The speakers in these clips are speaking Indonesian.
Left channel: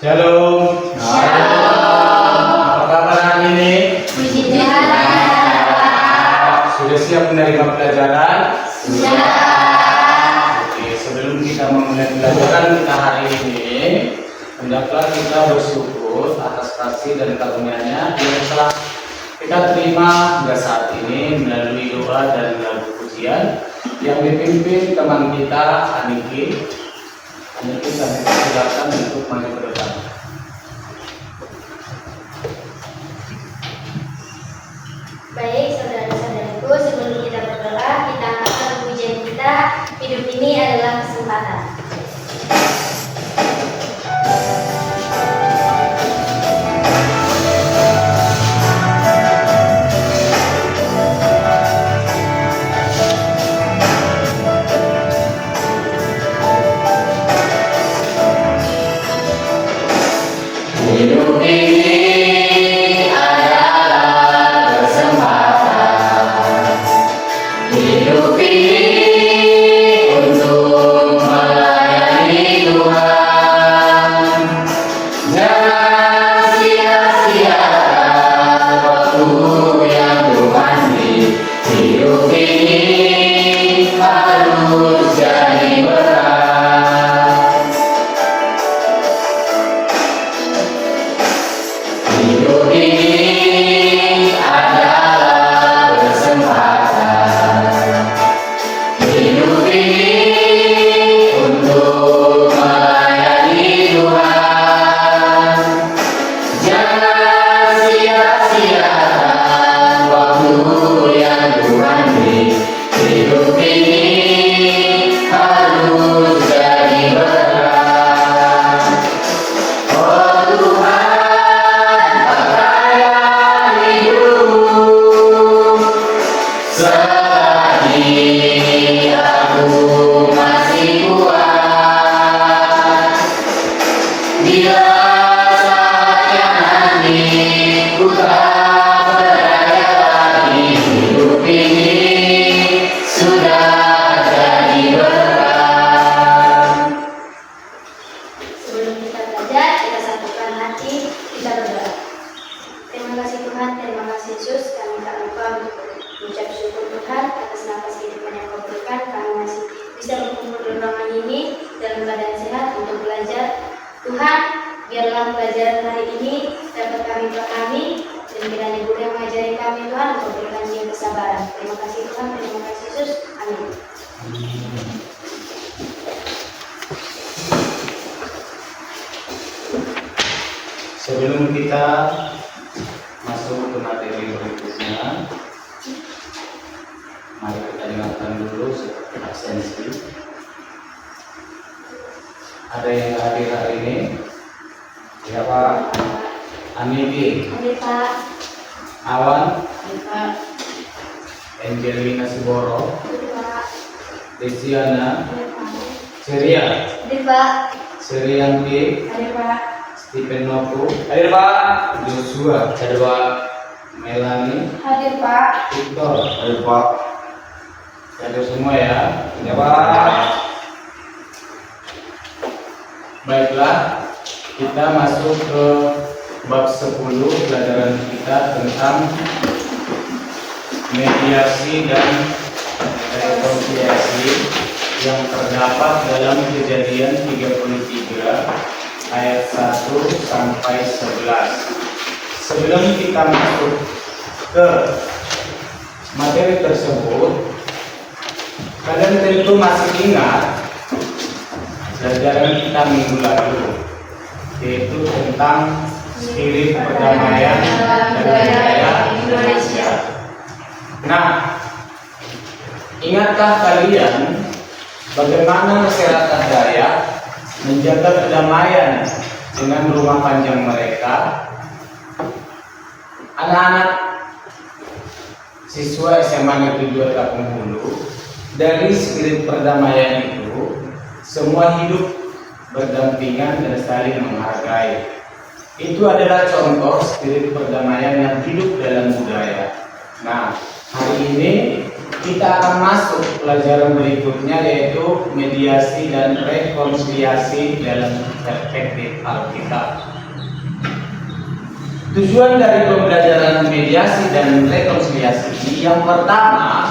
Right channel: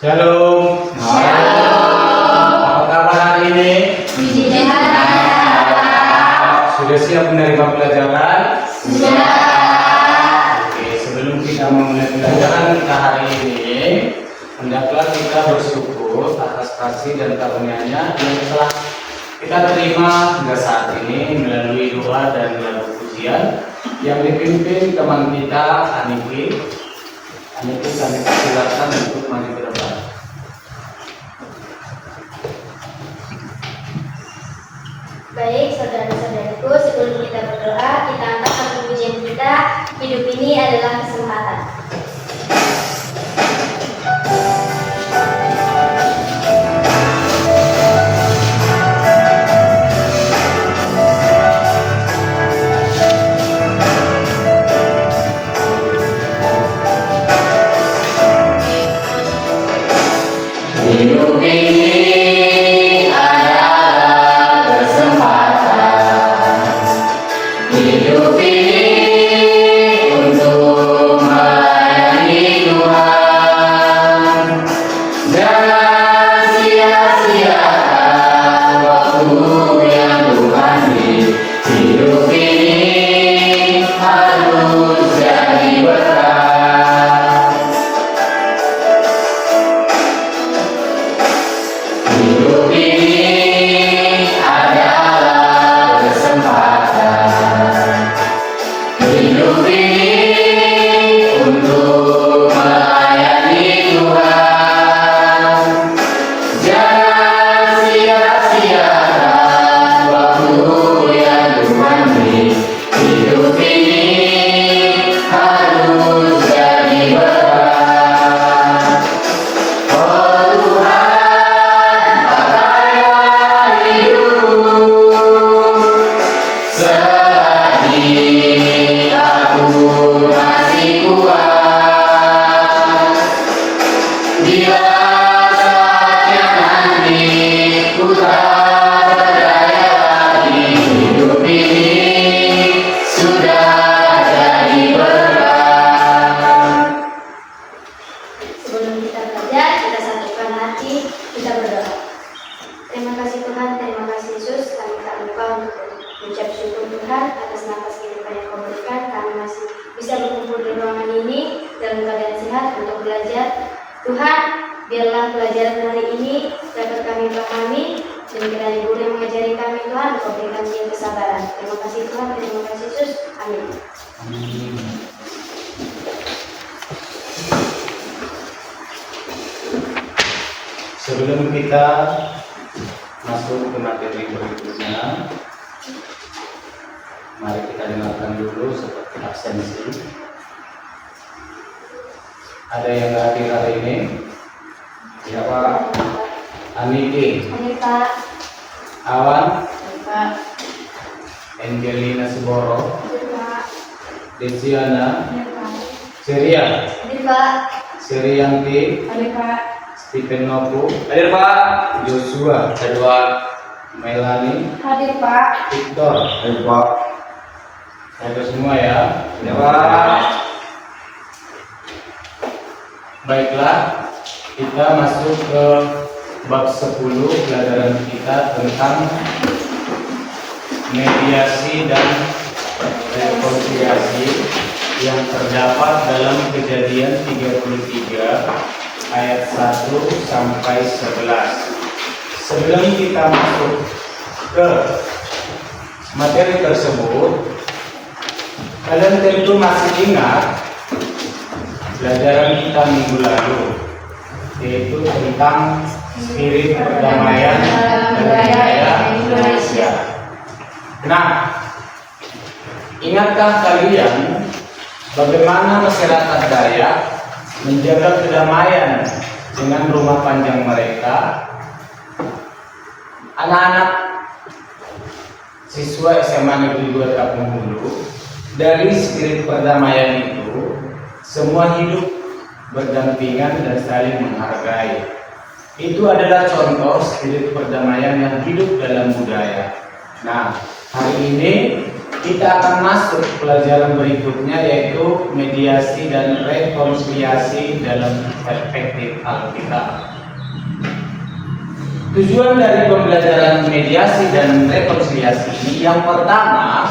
Shalom. Apa kabar hari ini? Sudah siap menerima pelajaran? Sudah. Oke, sebelum kita memulai pelajaran kita hari ini, hendaklah kita bersyukur atas kasih dan karunia-Nya yang telah kita terima hingga saat ini melalui doa dan lagu pujian yang dipimpin teman kita Aniki. Aniki kami silakan untuk maju ke depan. Baik, saudara-saudaraku, sebelum kita berdoa, kita angkat pujian kita. Hidup ini adalah kesempatan. Hidup ini adalah kesempatan. Hidup ini untuk melayani Tuhan. Jangan sia-siakan waktu yang Tuhan beri. Hidup ini harus jadi berkah. Hidup ini adalah kesempatan. Hidup ini untuk melayani Tuhan. Jangan sia-siakan waktu yang Tuhan beri. Hidup ini harus jadi berkah. Oh Tuhan, pakailah hidup selagi aku masih kuat. Bila saatnya nanti ku tak berdaya lagi, hidup ini sudah jadi berkah. Sebelum kita belajar, kita satukan hati, kita berdoa. Terima kasih Tuhan, terima kasih Yesus, kami tak lupa untuk mengucap syukur Tuhan atas nafas kehidupan yang Kau berikan. Kami masih bisa berkumpul di ruangan ini dalam keadaan sehat untuk belajar. Tuhan, biarlah pelajaran hari ini dapat kami pahami dan kiranya guru yang mengajari kami Tuhan, Kau berikan dia kesabaran. Terima kasih Tuhan, terima kasih Yesus. Amin. Sebelum kita masuk ke materi berikutnya, mari kita dengarkan dulu seperti absensi. Ada yang hadir hari ini? Siapa? Aniki, Hadir Pak. Awan, Hadir Pak. Angelina Siboro, Hadir Pak. Desiana, Hadir Pak. Ceria, Hadir Pak. Serianti, Hadir Pak. Stephen Noku, hadir Pak. Joshua, hadir Pak. Melanie, Hadir Pak. Victor, hadir Pak. Hadir semua ya, hadir Pak. Baiklah, kita masuk ke bab 10 pelajaran kita tentang mediasi dan rekonsiliasi yang terdapat dalam Kejadian 33 ayat 1 sampai 11. Sebelum kita masuk ke materi tersebut, kalian tentu masih ingat pelajaran kita minggu lalu, yaitu tentang spirit perdamaian dan budaya Indonesia. Nah, ingatkah kalian bagaimana masyarakat Dayak menjaga kedamaian dengan rumah panjang mereka? Anak-anak siswa SMA Negeri 2 Tapung Hulu, dari spirit perdamaian itu semua hidup berdampingan dan saling menghargai. Itu adalah contoh spirit perdamaian yang hidup dalam budaya. Nah, hari ini kita akan masuk pelajaran berikutnya, yaitu mediasi dan rekonsiliasi dalam perspektif Alkitab. Tujuan dari pembelajaran mediasi dan rekonsiliasi ini, yang pertama,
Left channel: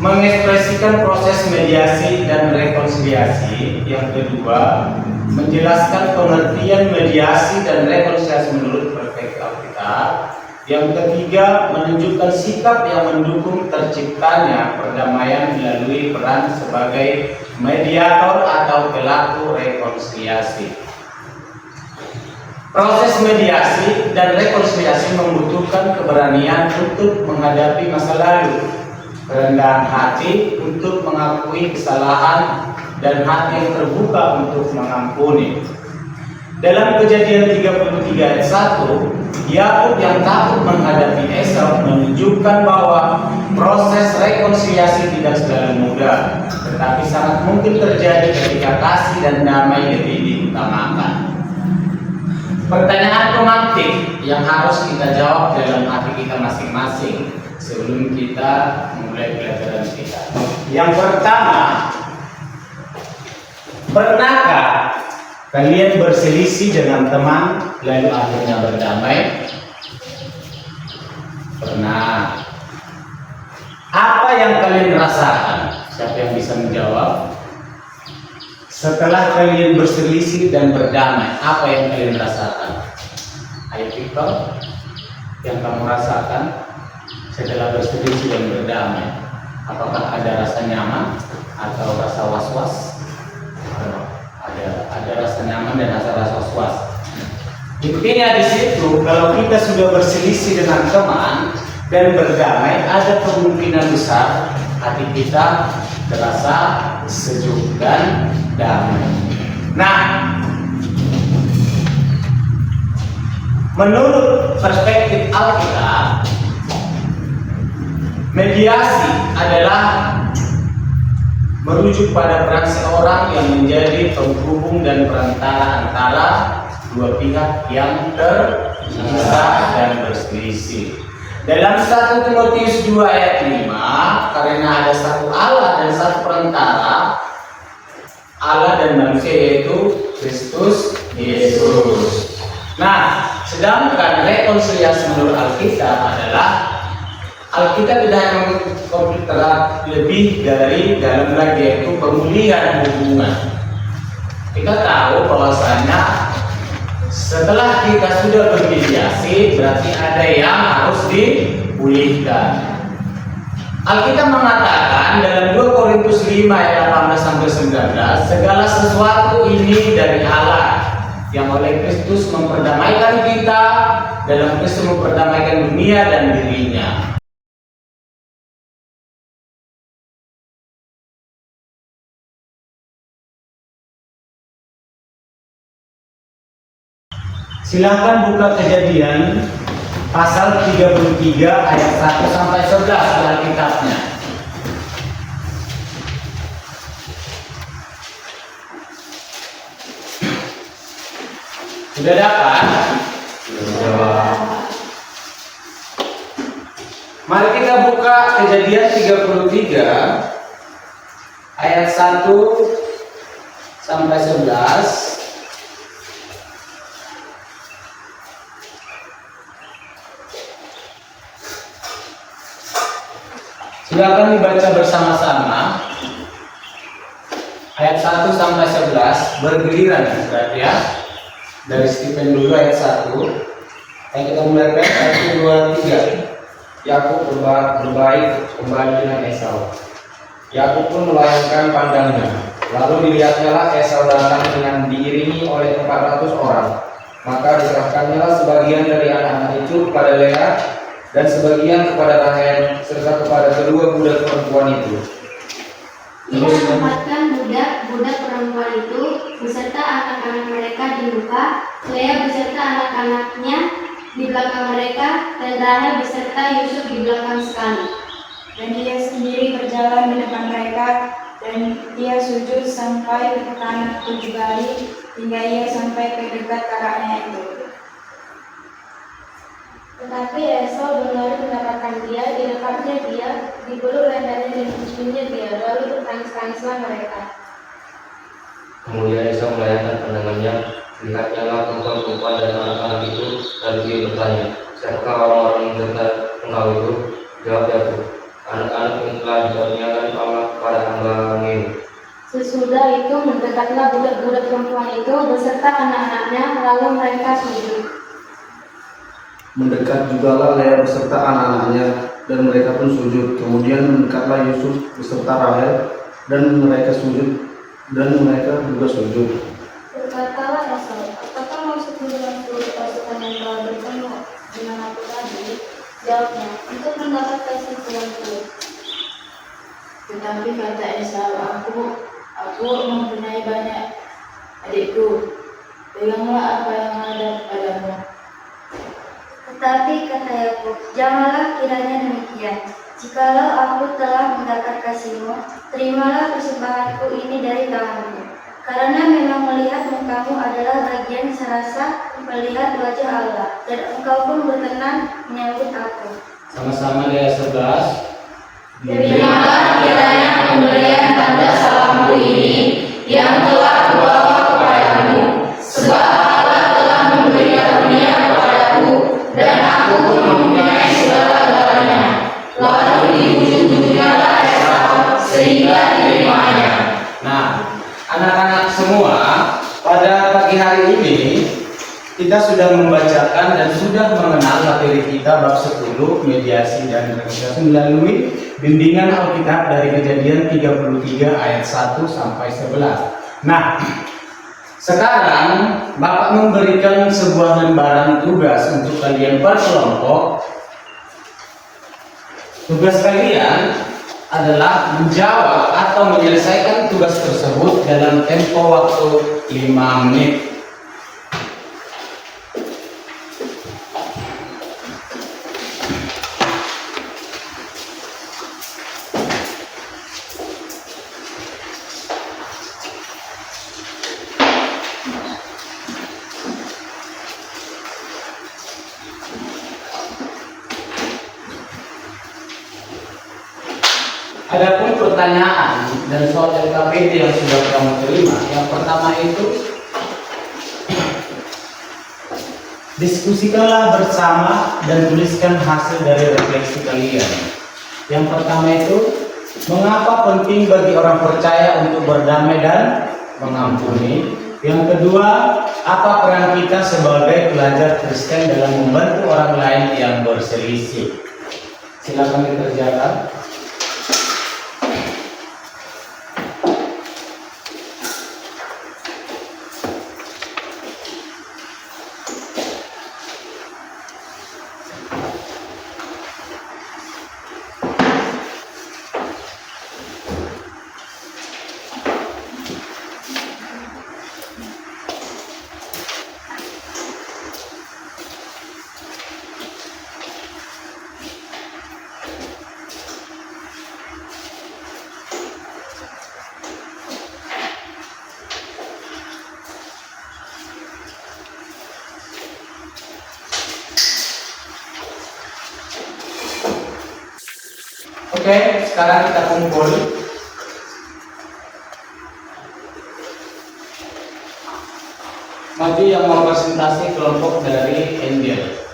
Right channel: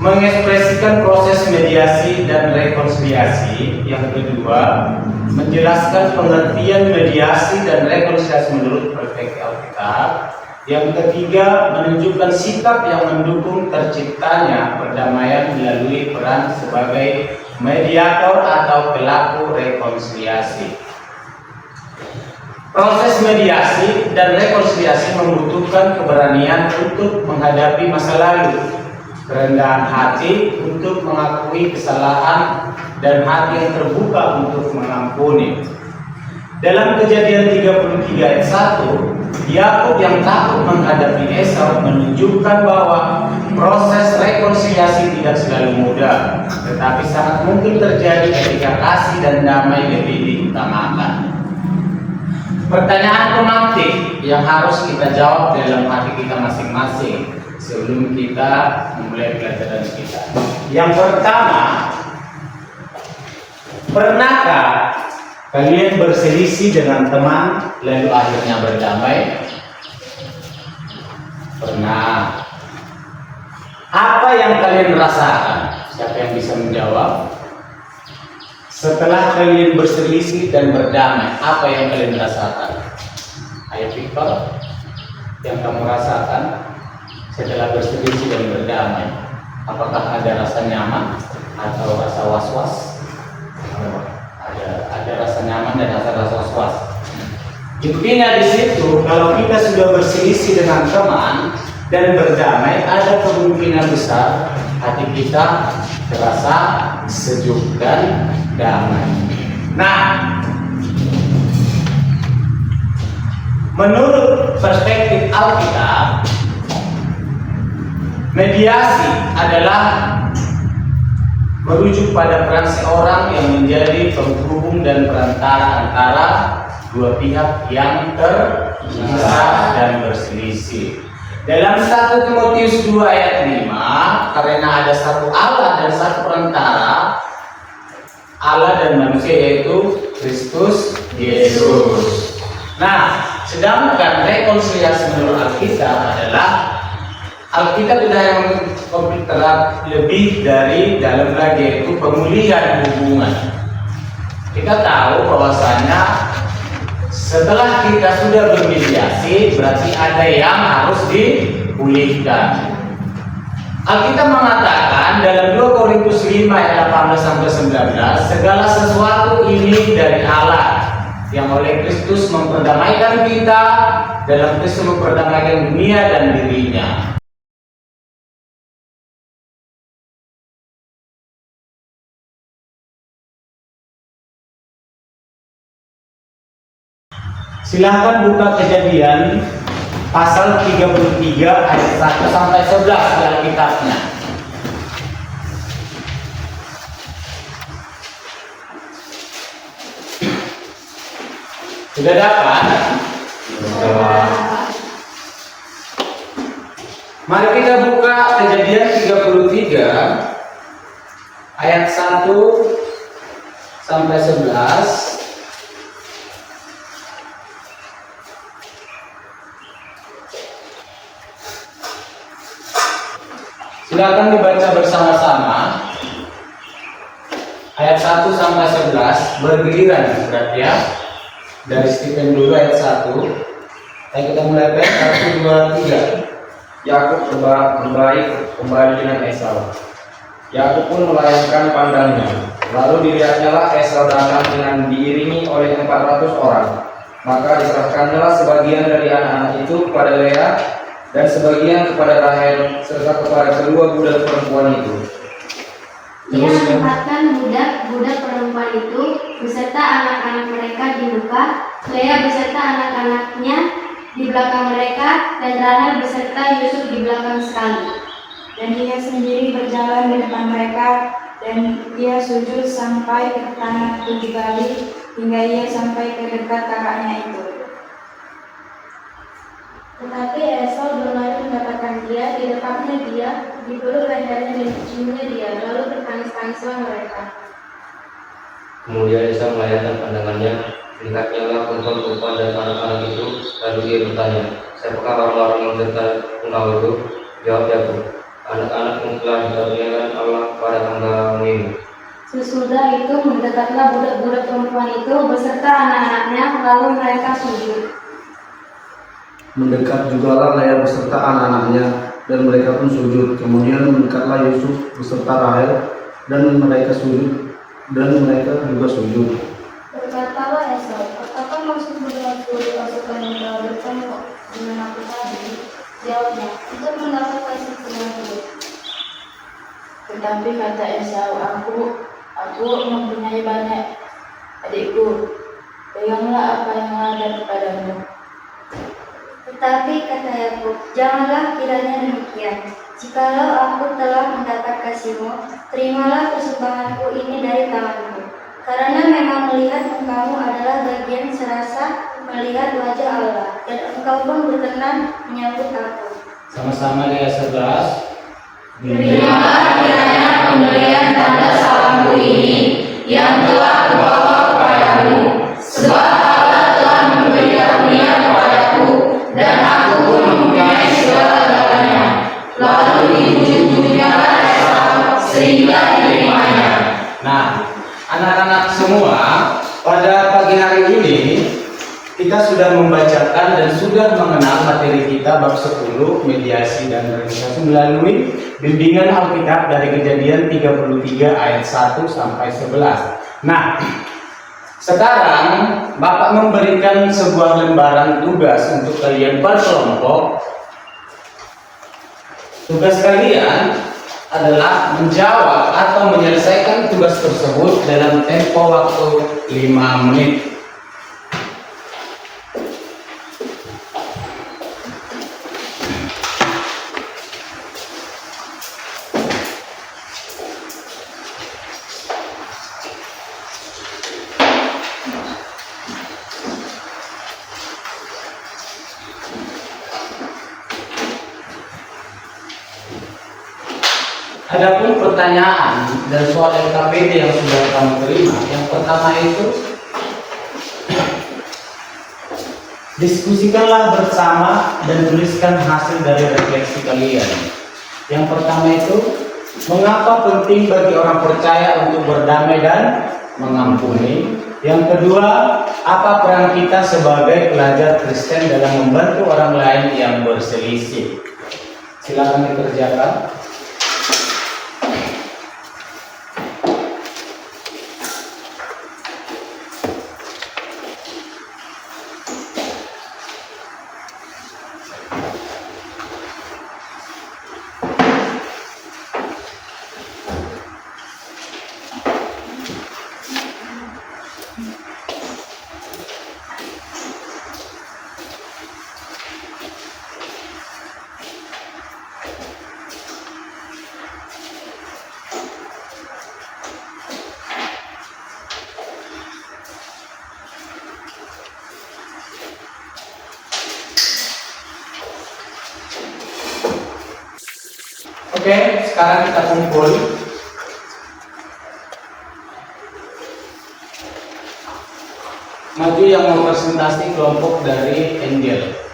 mengekspresikan proses mediasi dan rekonsiliasi. Yang kedua, menjelaskan pengertian mediasi dan rekonsiliasi menurut perspektif Alkitab. Yang ketiga, menunjukkan sikap yang mendukung terciptanya perdamaian melalui peran sebagai mediator atau pelaku rekonsiliasi. Proses mediasi dan rekonsiliasi membutuhkan keberanian untuk menghadapi masa lalu, kerendahan hati untuk mengakui kesalahan, dan hati yang terbuka untuk mengampuni. Dalam Kejadian 33 ayat 1, Yakub yang takut menghadapi Esau menunjukkan bahwa proses rekonsiliasi tidak selalu mudah, tetapi sangat mungkin terjadi ketika kasih dan damai lebih diutamakan. Pertanyaan pemantik yang harus kita jawab dalam hati kita masing-masing sebelum kita memulai pelajaran kita. Yang pertama, pernahkah kalian berselisih dengan teman lalu akhirnya berdamai? Pernah. Apa yang kalian rasakan? Siapa yang bisa menjawab? Setelah kalian berselisih dan berdamai, apa yang kalian rasakan? Ayo Victor, yang kamu rasakan setelah berselisih dan berdamai, apakah ada rasa nyaman atau rasa was-was? Ada rasa nyaman dan rasa was-was. Intinya di situ, kalau kita sudah berselisih dengan teman dan berdamai, ada kemungkinan besar hati kita terasa sejuk dan damai. Nah, menurut perspektif Alkitab, mediasi adalah merujuk pada peran seorang yang menjadi penghubung dan perantara antara dua pihak yang terpisah dan berselisih. Dalam 1 Timotius 2 ayat 5, karena ada satu Allah dan satu perantara, Allah dan manusia, yaitu Kristus Yesus. Nah, sedangkan rekonsiliasi menurut Alkitab adalah, Alkitab tidak yang lebih dari dalam lagi, yaitu pemulihan hubungan. Kita tahu bahwasanya setelah kita sudah bermediasi, berarti ada yang harus dipulihkan. Alkitab mengatakan dalam 2 Korintus 5 ayat 18-19, segala sesuatu ini dari Allah, yang oleh Kristus memperdamaikan kita, dalam Kristus memperdamaikan dunia dan dirinya. Silakan buka Kejadian pasal 33 ayat 1 sampai 11 di Alkitabnya. Sudah dapat? Sudah. Mari kita buka Kejadian 33 ayat 1 sampai 11. Silakan dibaca bersama-sama. Ayat 1 sampai 11 bergiliran berarti ya. Dari Stephen dulu ayat 1. Ayo kita mulai 1, 2, 3. Yakub berbaik kembali dengan Esau. Yakub pun melayangkan pandangnya. Lalu dilihatnyalah Esau datang dengan diiringi oleh 400 orang. Maka diserahkannya sebagian dari anak-anak itu kepada Lea, dan sebagian kepada Rahel, serta kepada kedua budak perempuan itu. Ia menempatkan budak-budak perempuan itu beserta anak-anak mereka di muka, Lea beserta anak-anaknya di belakang mereka, dan Rahel beserta Yusuf di belakang sekali. Dan ia sendiri berjalan di depan mereka, dan ia sujud sampai ke tanah 7 kali, hingga ia sampai ke dekat kakaknya itu. Tetapi Esau berlari mendapatkan dia, di depannya dia, dipeluk lehernya dan ciumnya dia, lalu tertangis-tangislah mereka. Kemudian Esa melayangkan pandangannya, lihatnya lah perempuan-perempuan dan anak-anak itu, lalu dia bertanya, siapakah orang-orang yang menyerta engkau itu? Jawab Yakub, anak-anak yang telah dikaruniakan Allah pada hamba-Mu ini. Sesudah itu mendekatlah budak-budak perempuan itu beserta anak-anaknya, lalu mereka sujud. Mendekat jugalah Lea beserta anak-anaknya, dan mereka pun sujud. Kemudian mendekatlah Yusuf beserta Rahel, dan mereka juga sujud. Berkatalah Esau, apakah maksudmu dengan seluruh pasukan yang telah berkelompok dengan aku tadi? Jawabnya, untuk mendapat kasih denganku. Tetapi kata Esau, aku mempunyai banyak adikku, peganglah apa yang ada padamu. Tetapi kata Yakub, janganlah kiranya demikian. Jikalau aku telah mendapat kasihmu, terimalah persembahanku ini dari tanganmu. Karena memang melihat mukamu adalah bagian serasa melihat wajah Allah, dan engkau pun berkenan menyambut aku. Sama-sama di ayat 11. Terimalah kiranya pemberian tanda salamku ini yang telah kubawa kepadamu, sebab Allah telah memberi karunia kepadaku, dan aku pun mempunyai segala-galanya. Lalu dibujuk-bujuknyalah Esau sehingga diterimanya. Nah, anak-anak semua, pada pagi hari ini kita sudah membacakan dan sudah mengenal materi kita bab 10 mediasi dan rekonsiliasi melalui bimbingan Alkitab dari Kejadian 33 ayat 1 sampai 11. Nah, sekarang Bapak memberikan sebuah lembaran tugas untuk kalian berkelompok. Tugas kalian adalah menjawab atau menyelesaikan tugas tersebut dalam tempo waktu 5 menit. Adapun pertanyaan dan soal LKPD yang sudah kamu terima, yang pertama itu diskusikanlah bersama dan tuliskan hasil dari refleksi kalian. Yang pertama itu, mengapa penting bagi orang percaya untuk berdamai dan mengampuni? Yang kedua, apa peran kita sebagai pelajar Kristen dalam membantu orang lain yang berselisih? Silakan dikerjakan. Oke, sekarang kita kumpul. Maju yang mau presentasi kelompok dari Angel.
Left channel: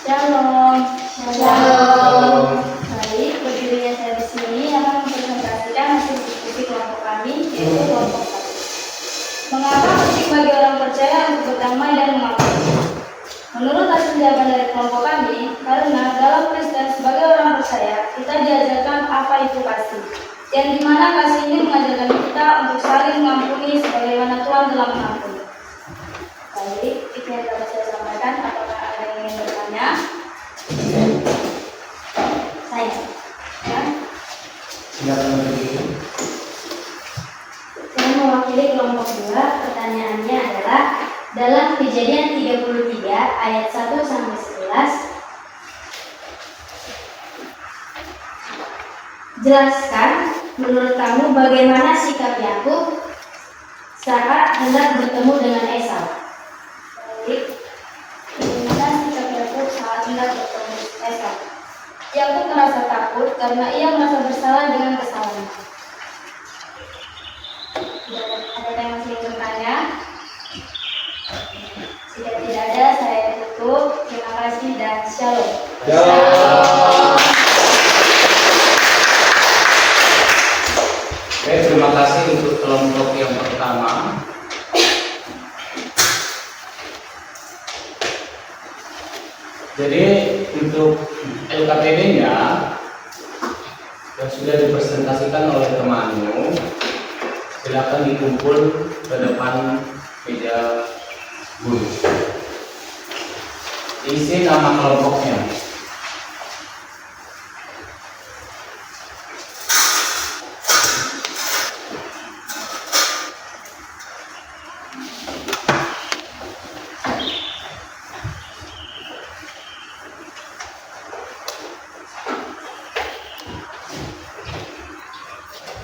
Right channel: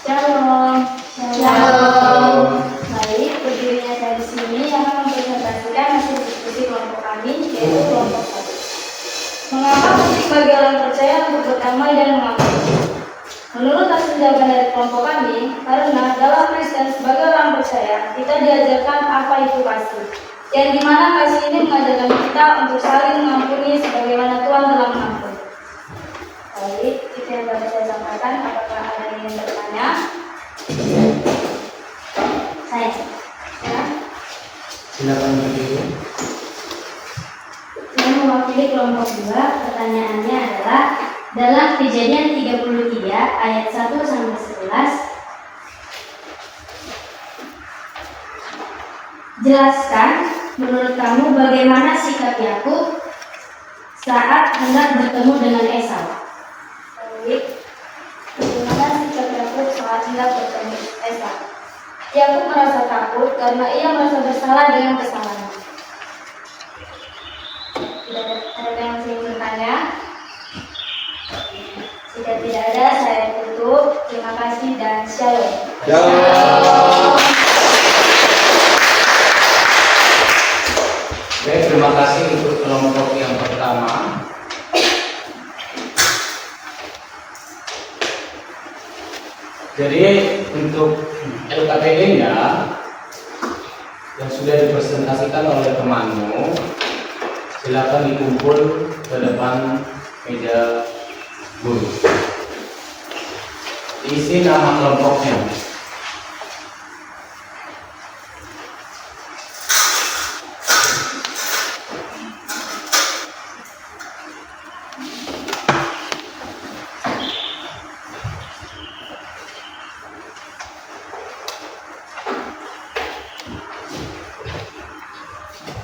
Shalom. Shalom. Baik, berdirinya saya di sini akan mempresentasikan hasil diskusi kelompok kami, yaitu kelompok 1. Mengapa penting bagi orang percaya untuk berdamai dan mengampuni? Menurut hasil jawaban dari kelompok kami, karena dalam Kristen sebagai orang percaya, kita diajarkan apa itu kasih. Yang dimana kasih ini mengajarkan kita untuk saling mengampuni sebagaimana Tuhan telah mengampuni. Baik, itu yang dapat saya sampaikan. Apakah ada yang ingin bertanya? Saya. Ya. Silakan berdiri. Saya mewakili kelompok 2. Pertanyaannya adalah dalam Kejadian 33 ayat 1 sampai 11, jelaskan menurut kamu bagaimana sikap Yakub saat hendak bertemu dengan Esau? Baik, bagaimana sikap Yakub saat hendak bertemu Esau? Yakub merasa takut karena ia merasa bersalah dengan kesalahannya. Ada yang masih ingin bertanya? Jika tidak ada, saya tutup. Terima kasih dan shalom. Oke, terima kasih untuk kelompok yang pertama. Jadi untuk LKPD-nya yang sudah dipresentasikan oleh temanmu, silakan dikumpul ke depan meja guru. Isi nama kelompoknya.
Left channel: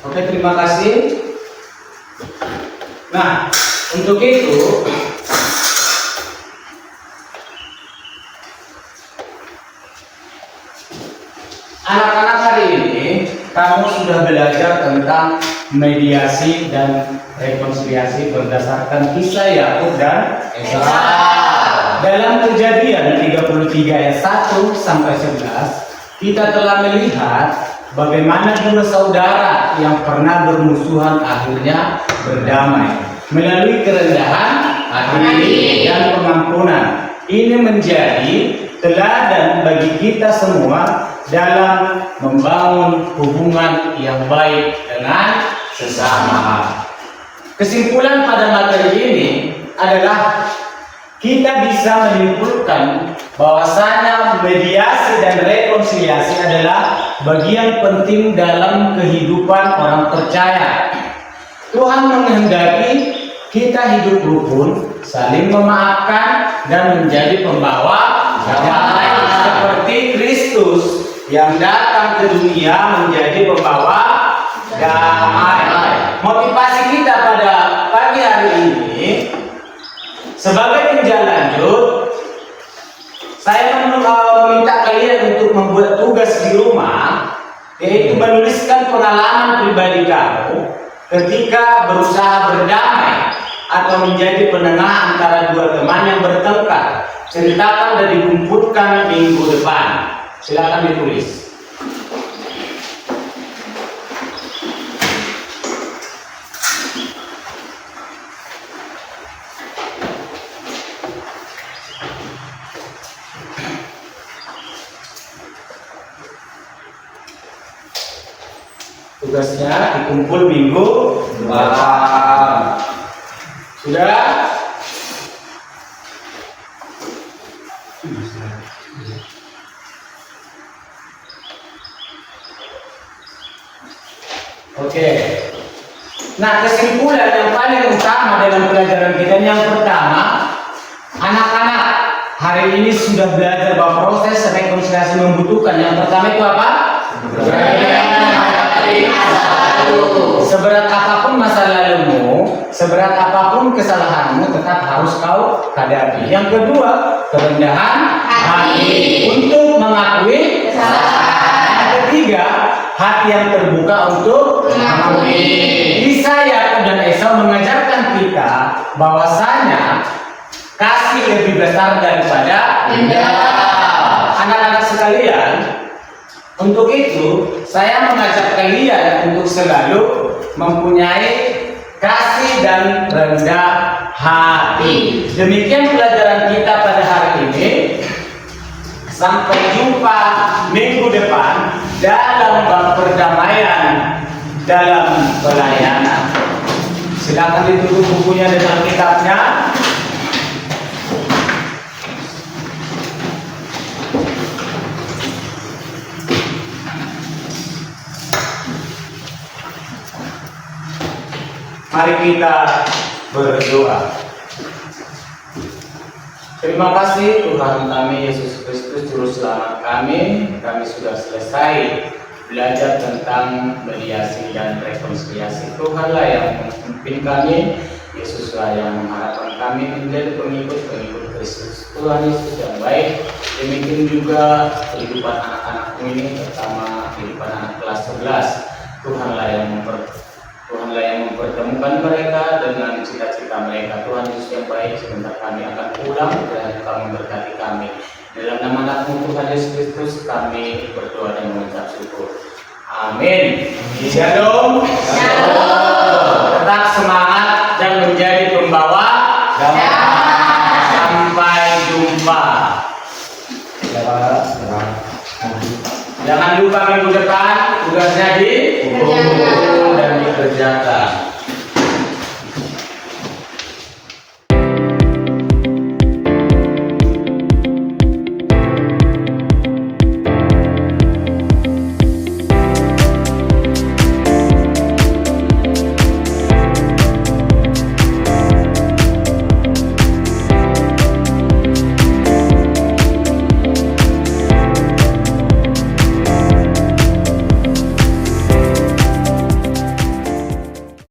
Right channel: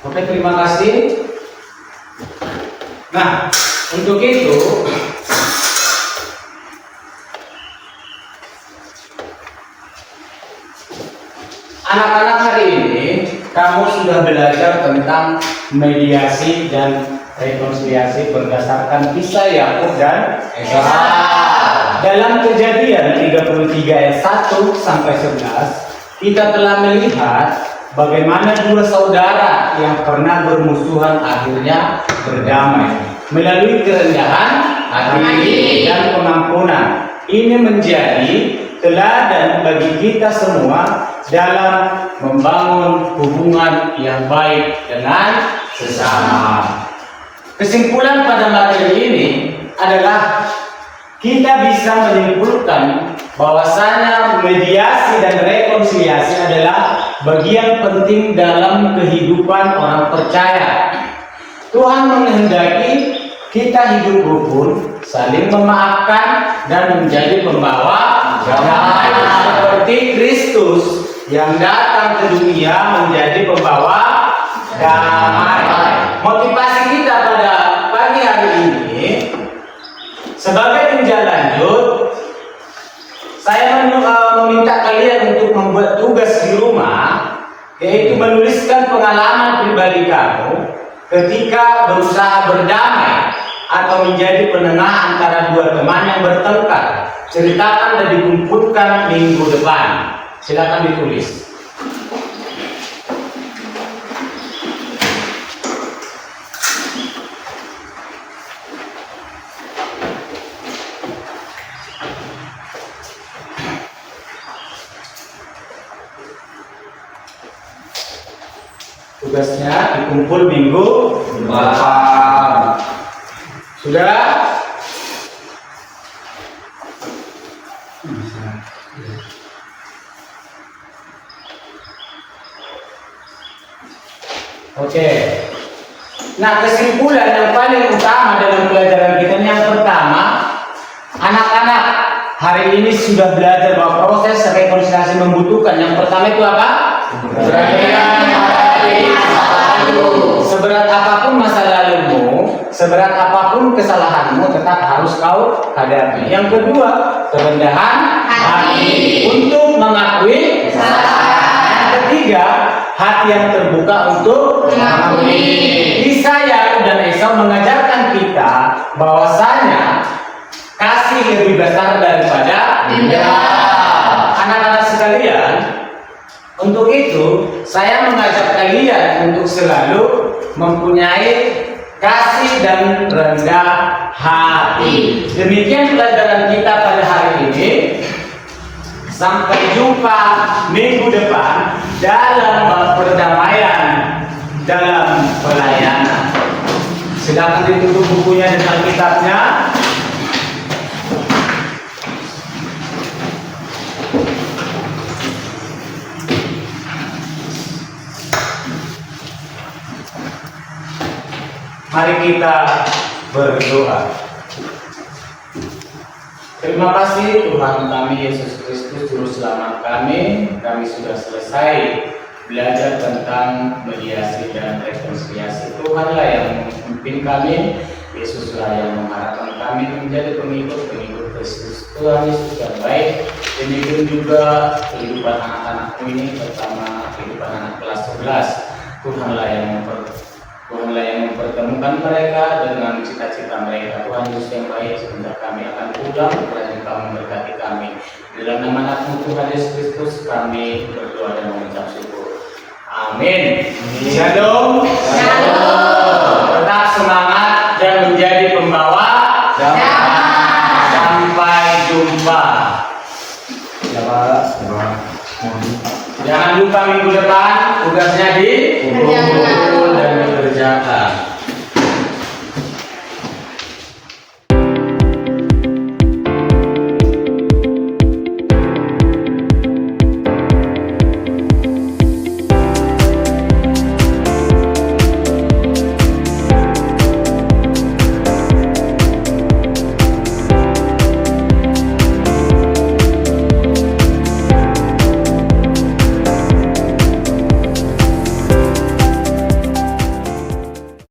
Oke, terima kasih. Nah, untuk itu anak-anak hari ini kamu sudah belajar tentang mediasi dan rekonsiliasi berdasarkan kisah Yakub dan Esau. Dalam Kejadian 33 ayat 1 sampai 11, kita telah melihat bagaimana dua saudara yang pernah bermusuhan akhirnya berdamai melalui kerendahan hati dan pengampunan. Ini menjadi teladan bagi kita semua dalam membangun hubungan yang baik dengan sesama. Kesimpulan pada materi ini adalah kita bisa menyimpulkan bahwasanya mediasi dan rekonsiliasi adalah bagian penting dalam kehidupan orang percaya. Tuhan menghendaki kita hidup rukun, saling memaafkan, dan menjadi pembawa damai seperti Kristus yang datang ke dunia menjadi pembawa damai. Motivasi kita pada pagi hari ini sebagai tinjau lanjut, saya meminta kalian untuk membuat tugas di rumah, yaitu menuliskan pengalaman pribadi kamu ketika berusaha berdamai atau menjadi penengah antara dua teman yang bertengkar. Ceritakan dan dikumpulkan minggu depan. Silakan ditulis. Tugasnya dikumpul minggu depan. Sudah? Oke. Nah, kesimpulan yang paling utama dalam pelajaran kita yang pertama, anak-anak hari ini sudah belajar bahwa proses rekonsiliasi membutuhkan yang pertama itu apa? Seberat apapun masa lalumu, seberat apapun kesalahanmu, tetap harus kau hadapi. Yang kedua, kerendahan hati untuk mengakui kesalahan. Yang ketiga, hati yang terbuka untuk mengampuni. Kisah Yakub dan Esau mengajarkan kita bahwasanya kasih lebih besar daripada dendam. Anak-anak sekalian, untuk itu saya mengajak kalian untuk selalu mempunyai kasih dan rendah hati. Demikian pelajaran kita pada hari ini. Sampai jumpa minggu depan dalam perdamaian dalam pelayanan. Silakan ditutup bukunya dan Alkitabnya. Mari kita berdoa. Terima kasih Tuhan kami Yesus Kristus Juru Selamat kami. Kami sudah selesai belajar tentang mediasi dan rekonsiliasi. Tuhanlah yang memimpin kami, Yesuslah yang mengharapkan kami menjadi pengikut-pengikut Kristus. Tuhan Yesus yang baik. Demikian juga kehidupan anak-anakku ini, terutama kehidupan anak kelas 11. Tuhanlah yang mempertemukan mereka dengan cita-cita mereka. Tuhan Yesus yang baik, sebentar kami akan pulang, dan Kau memberkati kami. Dalam nama anak-Mu Tuhan Yesus Kristus kami berdoa dan mengucap syukur. Amin. Shalom. Tetap semangat dan menjadi pembawa damai. Sampai jumpa. Ya Pak. Jangan lupa minggu depan tugasnya Kerjakan. dan dikerjakan.